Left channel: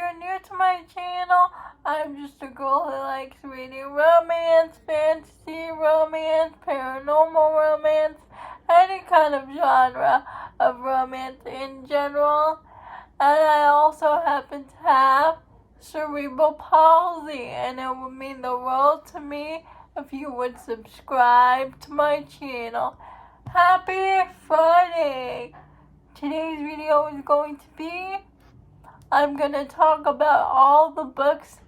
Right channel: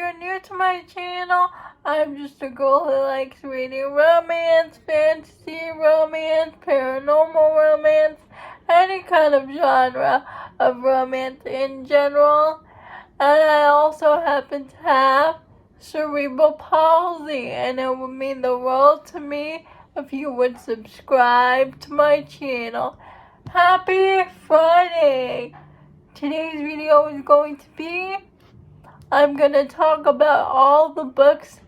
you're new to my channel, I'm just a girl who likes reading romance, fantasy, romance, paranormal romance, any kind of genre of romance in general. And I also happen to have cerebral palsy, and it would mean the world to me if you would subscribe to my channel. Happy Friday! Today's video is going to be, I'm going to talk about all the books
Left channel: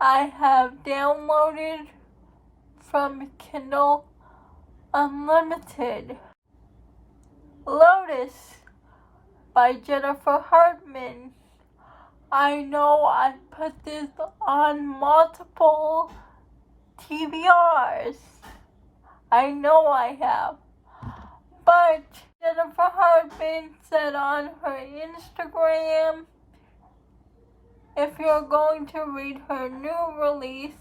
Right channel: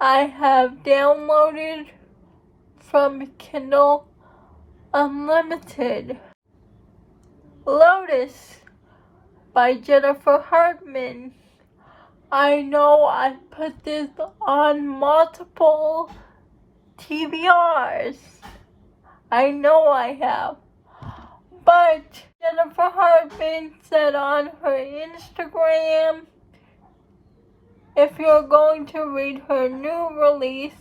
I have downloaded from Kindle Unlimited. Lotus by Jennifer Hartman. I know I put this on multiple TBRs. I know I have. But Jennifer Hartman said on her Instagram, if you're going to read her new release,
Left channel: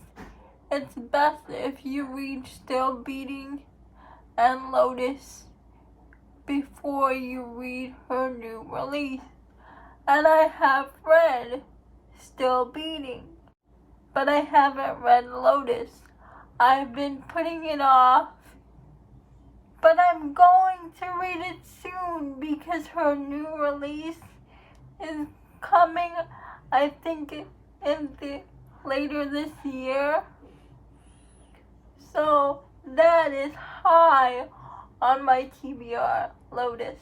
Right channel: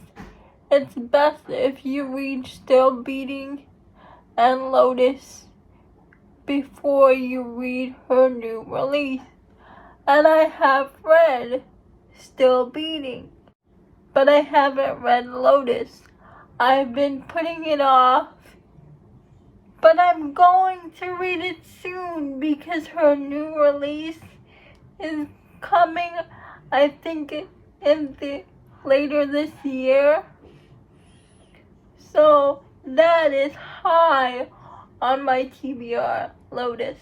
it's best if you read Still Beating and Lotus before you read her new release. And I have read Still Beating, but I haven't read Lotus. I've been putting it off, but I'm going to read it soon because her new release is coming, I think, later this year. So that is high on my TBR, Lotus.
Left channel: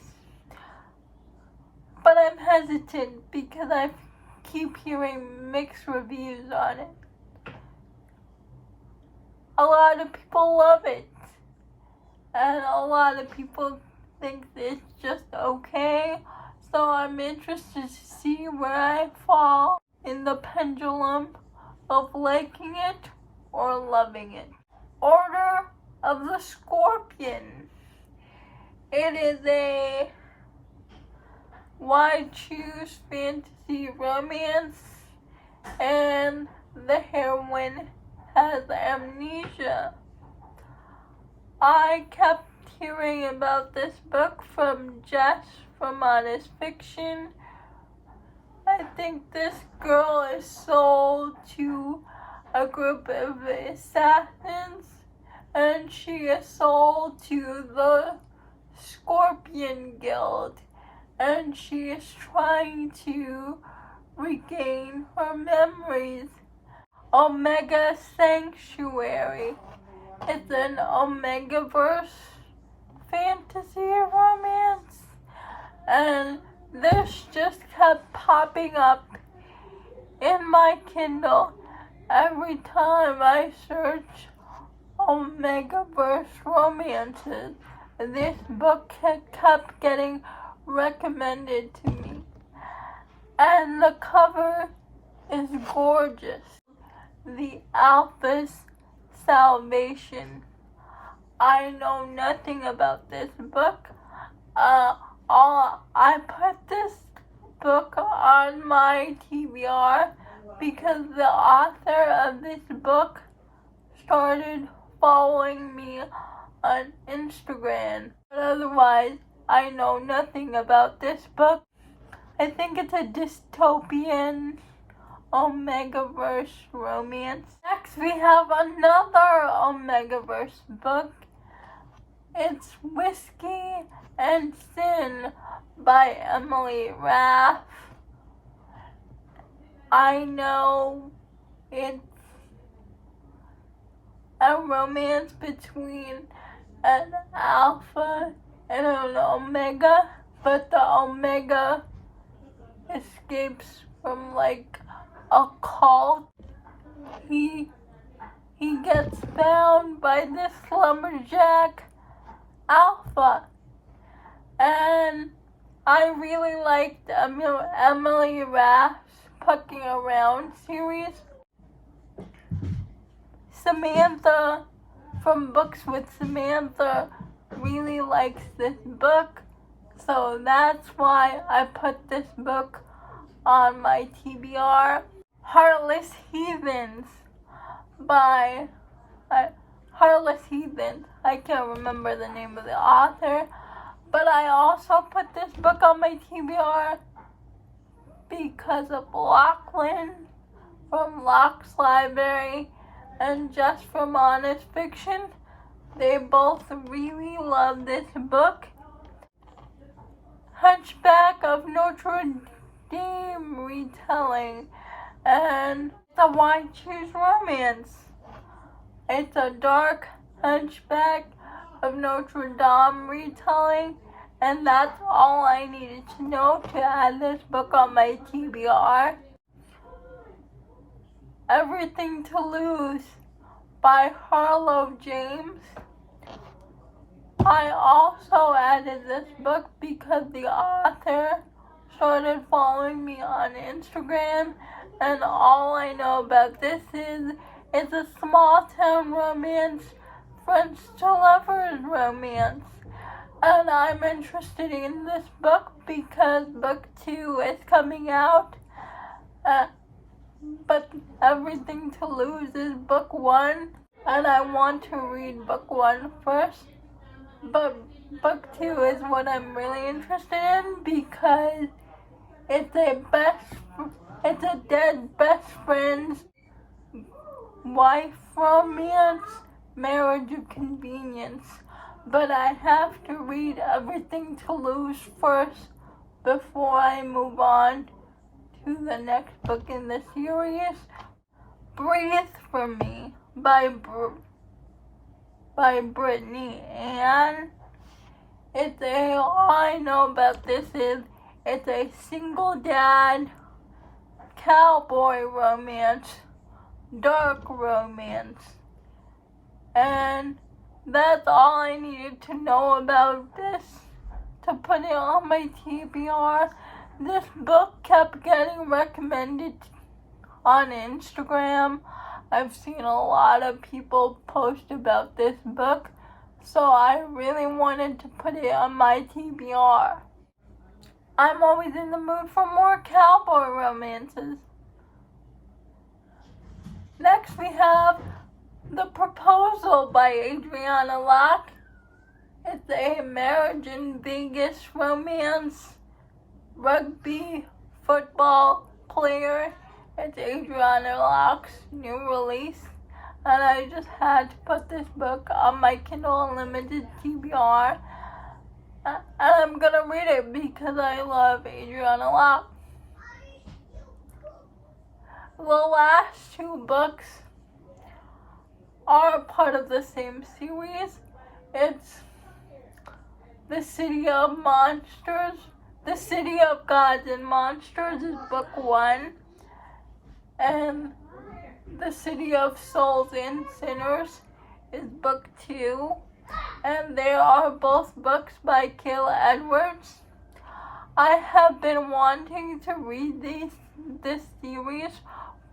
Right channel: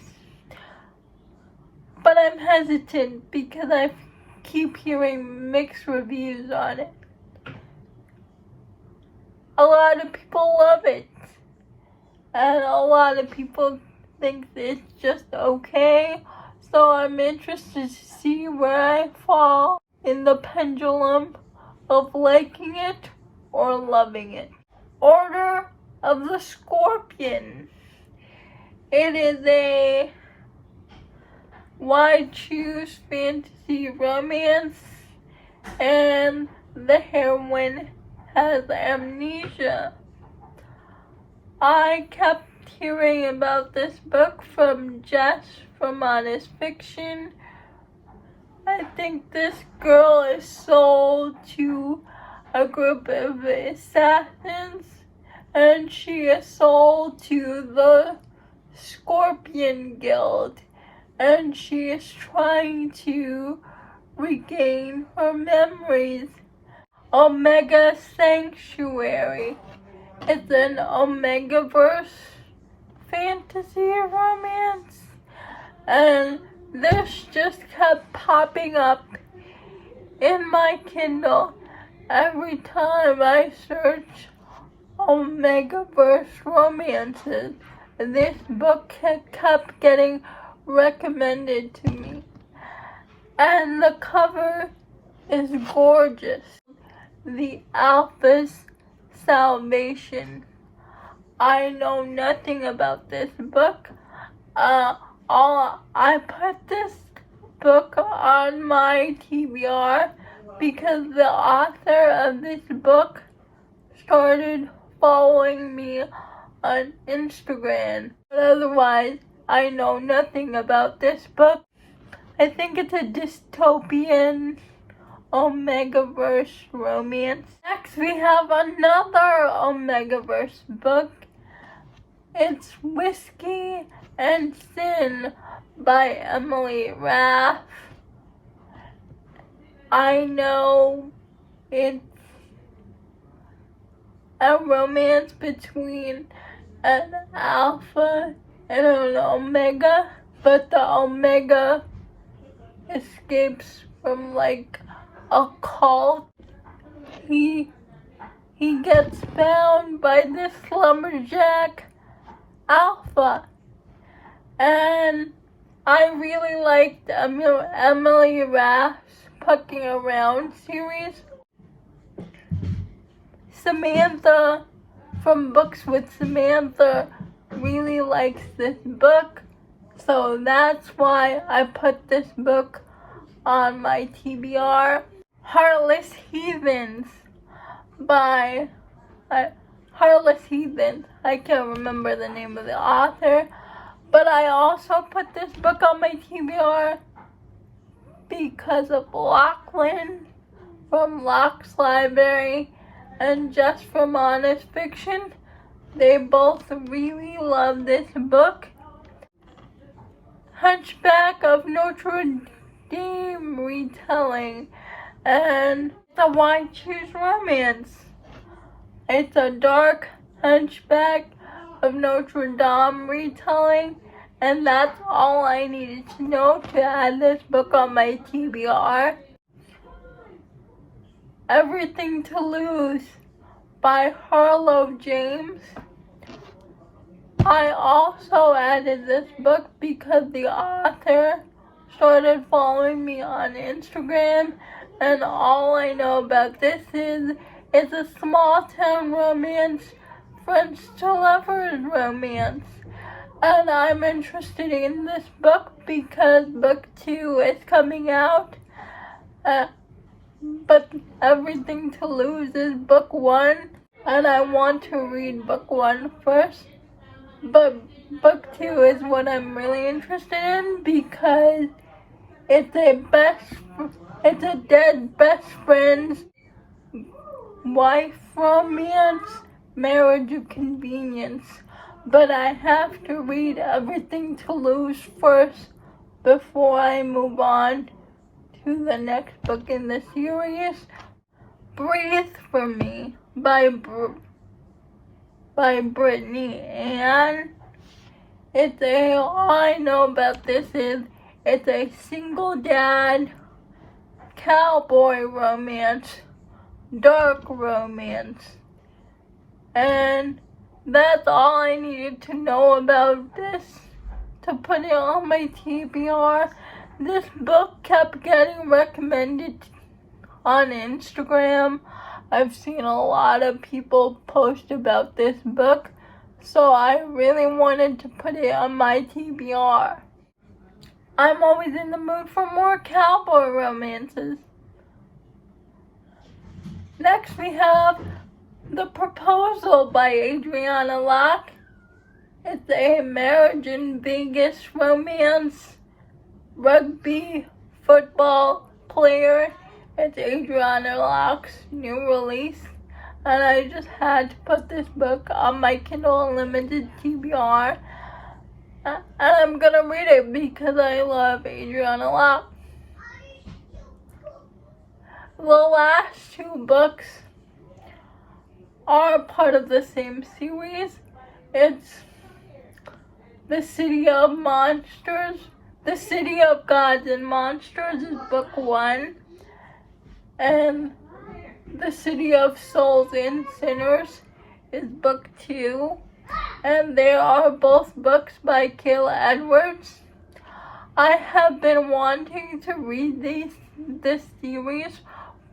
But I'm hesitant because I keep hearing mixed reviews on it. A lot of people love it, and a lot of people think it's just okay. So I'm interested to see where I fall in the pendulum of liking it or loving it. Order of the Scorpion. It is a why choose fantasy romance, and the heroine has amnesia. I kept hearing about this book from Jess from Honest Fiction. I think this girl is sold to a group of assassins, and she is sold to the Scorpion Guild, and she is trying to regain her memories. Omega Sanctuary. It's an Omegaverse fantasy romance, and this just kept popping up in my Kindle every time I search Omegaverse romances. This book kept getting recommended to me, and the cover is gorgeous. The Alpha's Salvation. I know nothing about this book. I put this book on my TBR because the author of this book started following me on Instagram. But otherwise, I know nothing about this book. I think it's a dystopian Omegaverse romance. Next, we have another Omegaverse book. It's Whiskey and Sin by Emily Raff. I know it's a romance between an alpha and an omega, but the omega escapes from like a cult. He gets found by this lumberjack alpha, and I really liked Emily Raff's Pucking Around series. Samantha from Books with Samantha really likes this book, so that's why I put this book on my TBR. Heartless Heathens by Heartless Heathens. I can't remember the name of the author, but I also put this book on my TBR because of Lachlan from Locke's Library and Just from Honest Fiction. They both really love this book. Hunchback of Notre Dame retelling, and the Why Choose Romance. It's a dark Hunchback of Notre Dame retelling, and that's all I needed to know to add this book on my TBR. Everything to Lose by Harlow James. I also added this book because the author started following me on Instagram, and all I know about this is it's a small town romance, French to lovers romance. And I'm interested in this book because book 2 is coming out. But Everything to Lose is book 1, and I want to read book 1 first. But book 2 is what I'm really interested in because it's a dead best friend's wife romance, marriage of convenience. But I have to read Everything to Lose first before I move on to the next book in the series. Breathe for Me by Brittany Ann. All I know about this is it's a single dad cowboy romance, dark romance, and that's all I needed to know about this to put it on my TBR. This book kept getting recommended on Instagram. I've seen a lot of people post about this book, so I really wanted to put it on my TBR. I'm always in the mood for more cowboy romances. Next we have The Proposal by Adriana Locke. It's a marriage in Vegas romance, rugby football player. It's Adriana Locke's new release, and I just had to put this book on my Kindle Unlimited TBR, and I'm gonna read it because I love Adriana Locke. The last 2 books are part of the same series. It's The City of Monsters. The City of Gods and Monsters is book 1. And The City of Souls and Sinners is book 2. And they are both books by Kayla Edwards. I have been wanting to read this series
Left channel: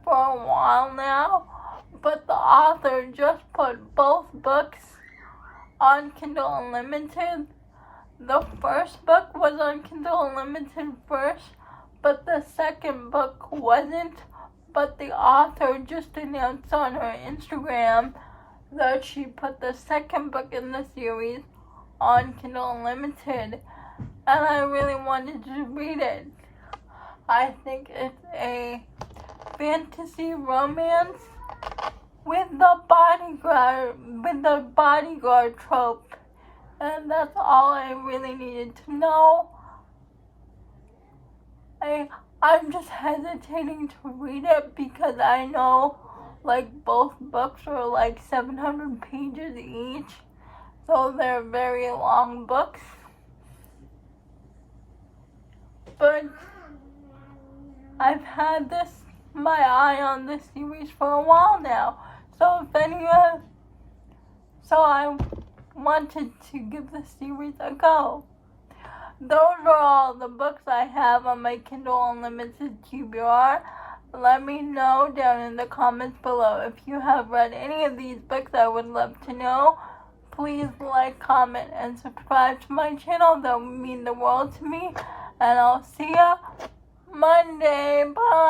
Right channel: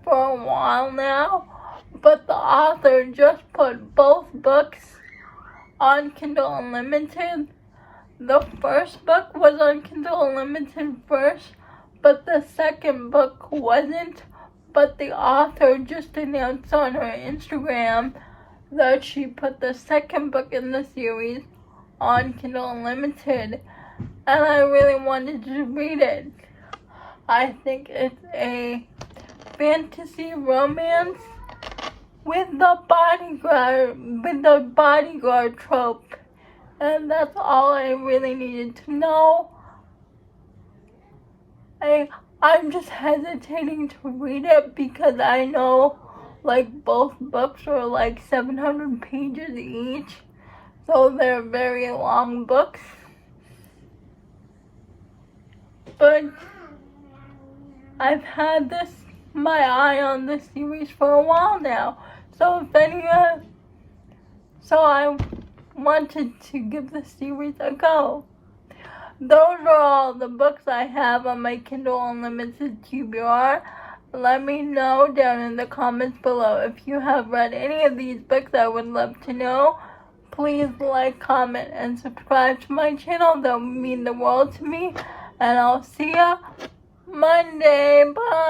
for a while now, but the author just put both books on Kindle Unlimited. The first book was on Kindle Unlimited first, but the second book wasn't. But the author just announced on her Instagram that she put the second book in the series on Kindle Unlimited, and I really wanted to read it. I think it's a fantasy romance with the bodyguard trope, and that's all I really needed to know. I'm just hesitating to read it because I know both books are 700 pages each, so they're very long books. But I've had my eye on this series for a while now, so I wanted to give the series a go. Those are all the books I have on my Kindle Unlimited TBR. Let me know down in the comments below if you have read any of these books. I would love to know. Please like, comment, and subscribe to my channel. That would mean the world to me. And I'll see ya Monday. Bye.